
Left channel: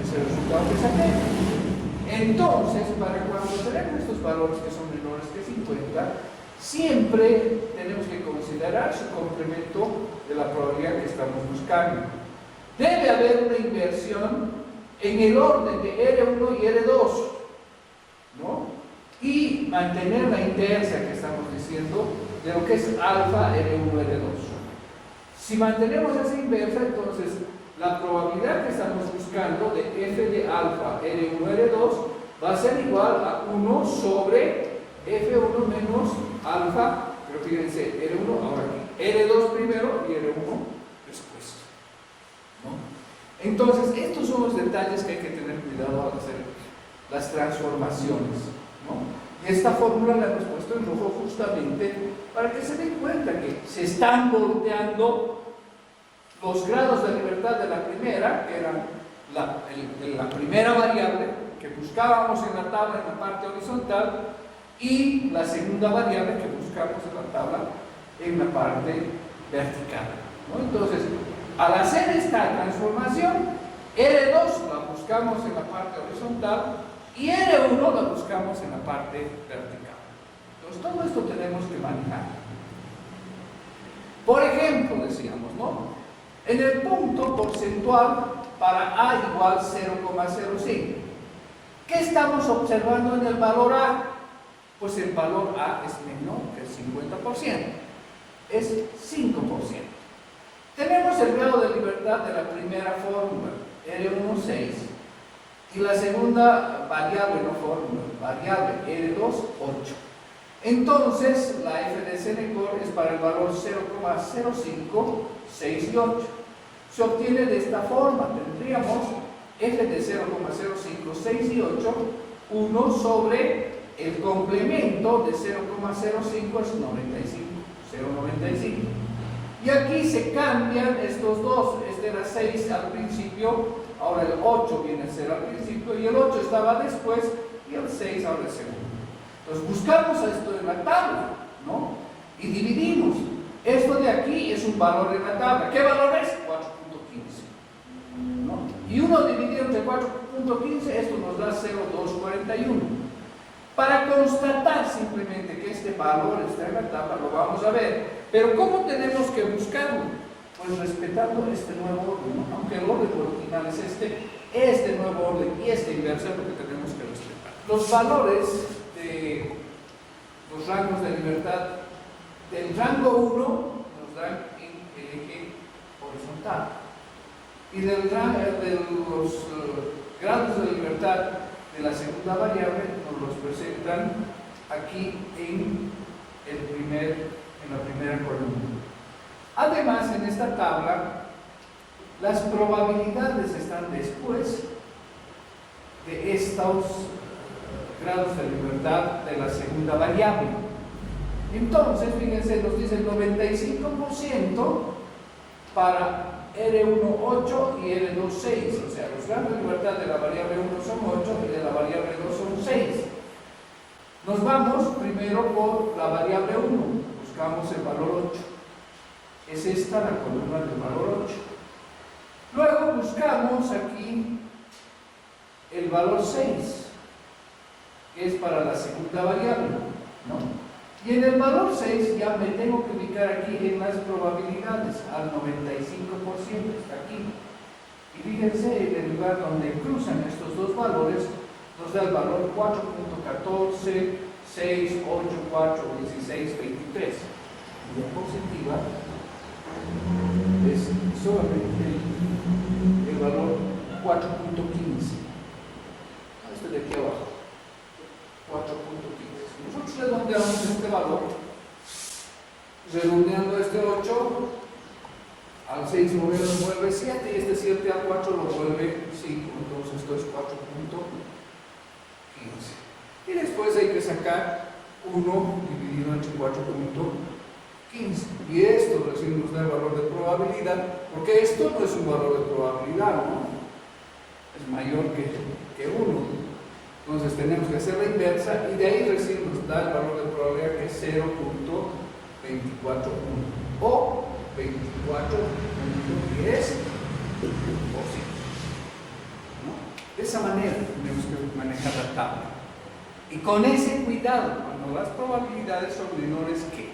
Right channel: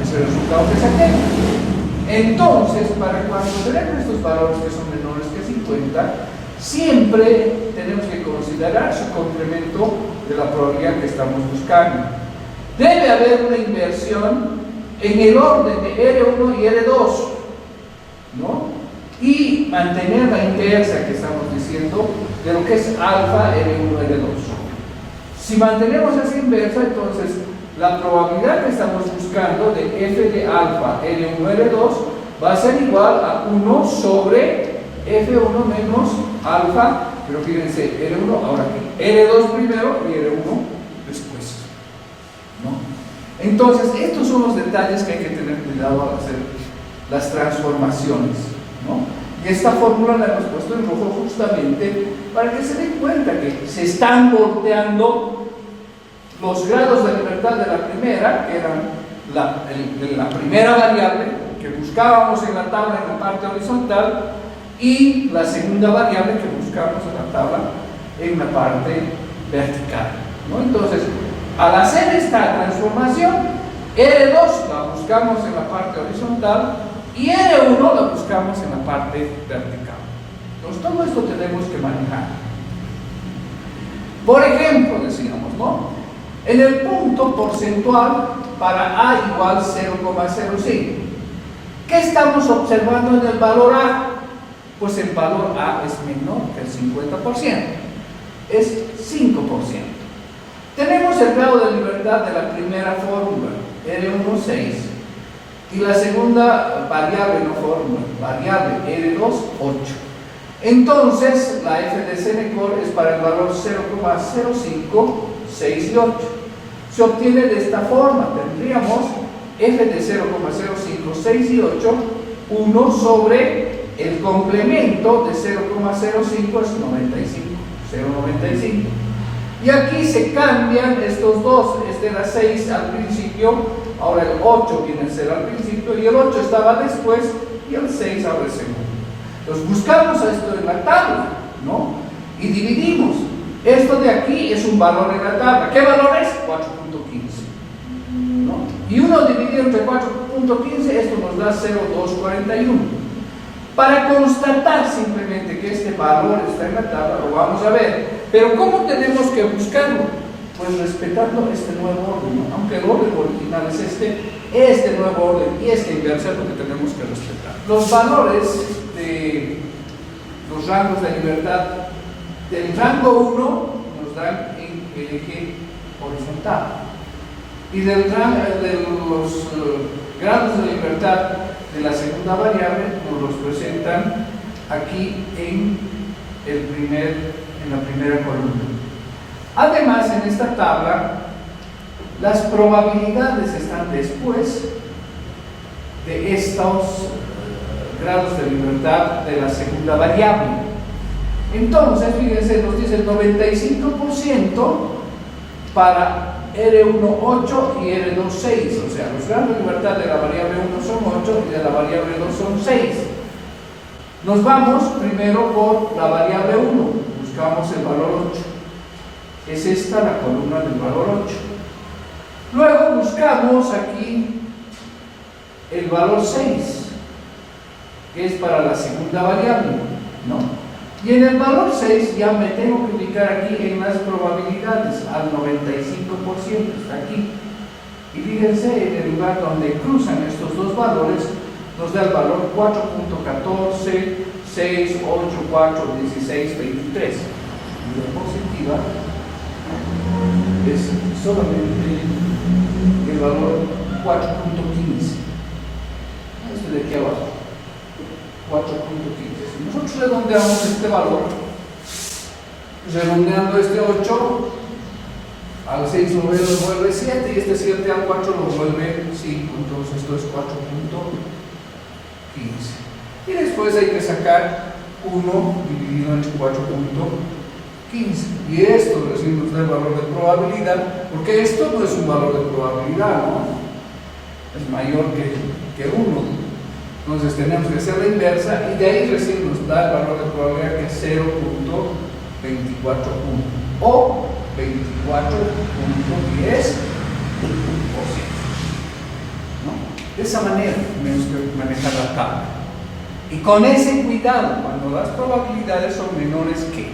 Ese es el resultado que saqué. Entonces, para cuando tenemos estos valores que son menores que 50, siempre tenemos que considerar su complemento de la probabilidad que estamos buscando. Debe haber una inversión en el orden de R1 y R2, ¿no? Y mantener la inversa que estamos diciendo de lo que es alfa R1 R2. Si mantenemos esa inversa, entonces la probabilidad que estamos buscando de F de alfa R1 R2 va a ser igual a 1 sobre F1 menos alfa, pero fíjense, R1 ahora aquí, R2 primero y R1 después, ¿no? Entonces, estos son los detalles que hay que tener cuidado al hacer las transformaciones, ¿no? Y esta fórmula la hemos puesto en rojo justamente para que se den cuenta que se están volteando los grados de libertad de la primera, que eran la primera variable que buscábamos en la tabla en la parte horizontal, y la segunda variable que buscamos en la tabla en la parte vertical, ¿no? Entonces, al hacer esta transformación, R2 la buscamos en la parte horizontal y R1 la buscamos en la parte vertical. Entonces, todo esto tenemos que manejar. Por ejemplo, decíamos, ¿no? En el punto porcentual para A igual 0,05. ¿Qué estamos observando en el valor A? pues el valor A es menor que el 50%, es 5%. Tenemos el grado de libertad de la primera fórmula, R1, 6, y la segunda variable, no fórmula, variable, R2, 8. Entonces, la f de Senecor es para el valor 0,05, 6 y 8. Se obtiene de esta forma, tendríamos f de 0,05, 6 y 8, 1 sobre el complemento de 0,05 es 95, 0,95. Y aquí se cambian estos dos, este era 6 al principio, ahora el 8 viene a ser al principio, y el 8 estaba después, y el 6 ahora es segundo. Entonces buscamos esto en la tabla, ¿no? Y dividimos. Esto de aquí es un valor en la tabla. ¿Qué valor es? 4.15, ¿no? Y 1 dividido entre 4.15, esto nos da 0,241. Para constatar simplemente que este valor está en la tabla, lo vamos a ver. Pero ¿cómo tenemos que buscarlo? Pues respetando este nuevo orden, ¿no? Aunque el orden original es este nuevo orden y esta inversa es lo que tenemos que respetar. Los valores de los rangos de libertad del rango 1 nos dan en el eje horizontal, y de los grados de libertad de la segunda variable nos los presentan aquí en la primera columna. Además, en esta tabla las probabilidades están después de estos grados de libertad de la segunda variable. Entonces, fíjense, nos dice el 95% para R1, 8 y R2, 6. O sea, los grados de libertad de la variable 1 son 8 y de la variable 2 son 6. Nos vamos primero por la variable 1, buscamos el valor 8. Es esta la columna del valor 8. Luego buscamos aquí el valor 6, que es para la segunda variable, ¿no? Y en el valor 6 ya me tengo que ubicar aquí en las probabilidades, al 95%, está aquí. Y fíjense, en el lugar donde cruzan estos dos valores, nos da el valor 4.14, 6, 8, 4, 16, 23. Y la positiva es solamente el valor 4.15. Este de aquí abajo, 4.15. Si nosotros redondeamos este valor, redondeando este 8 al 6 lo vuelve 7 y este 7 al 4 lo vuelve 5, entonces esto es 4.15. Y después hay que sacar 1 dividido entre 4.15, y esto recién nos da el valor de probabilidad, porque esto no es un valor de probabilidad, ¿no? Es mayor que 1. Entonces tenemos que hacer la inversa, y de ahí recién nos da el valor de probabilidad, que es 0.241 o 24.10%, ¿no? De esa manera tenemos que manejar la tabla, y con ese cuidado cuando las probabilidades son menores que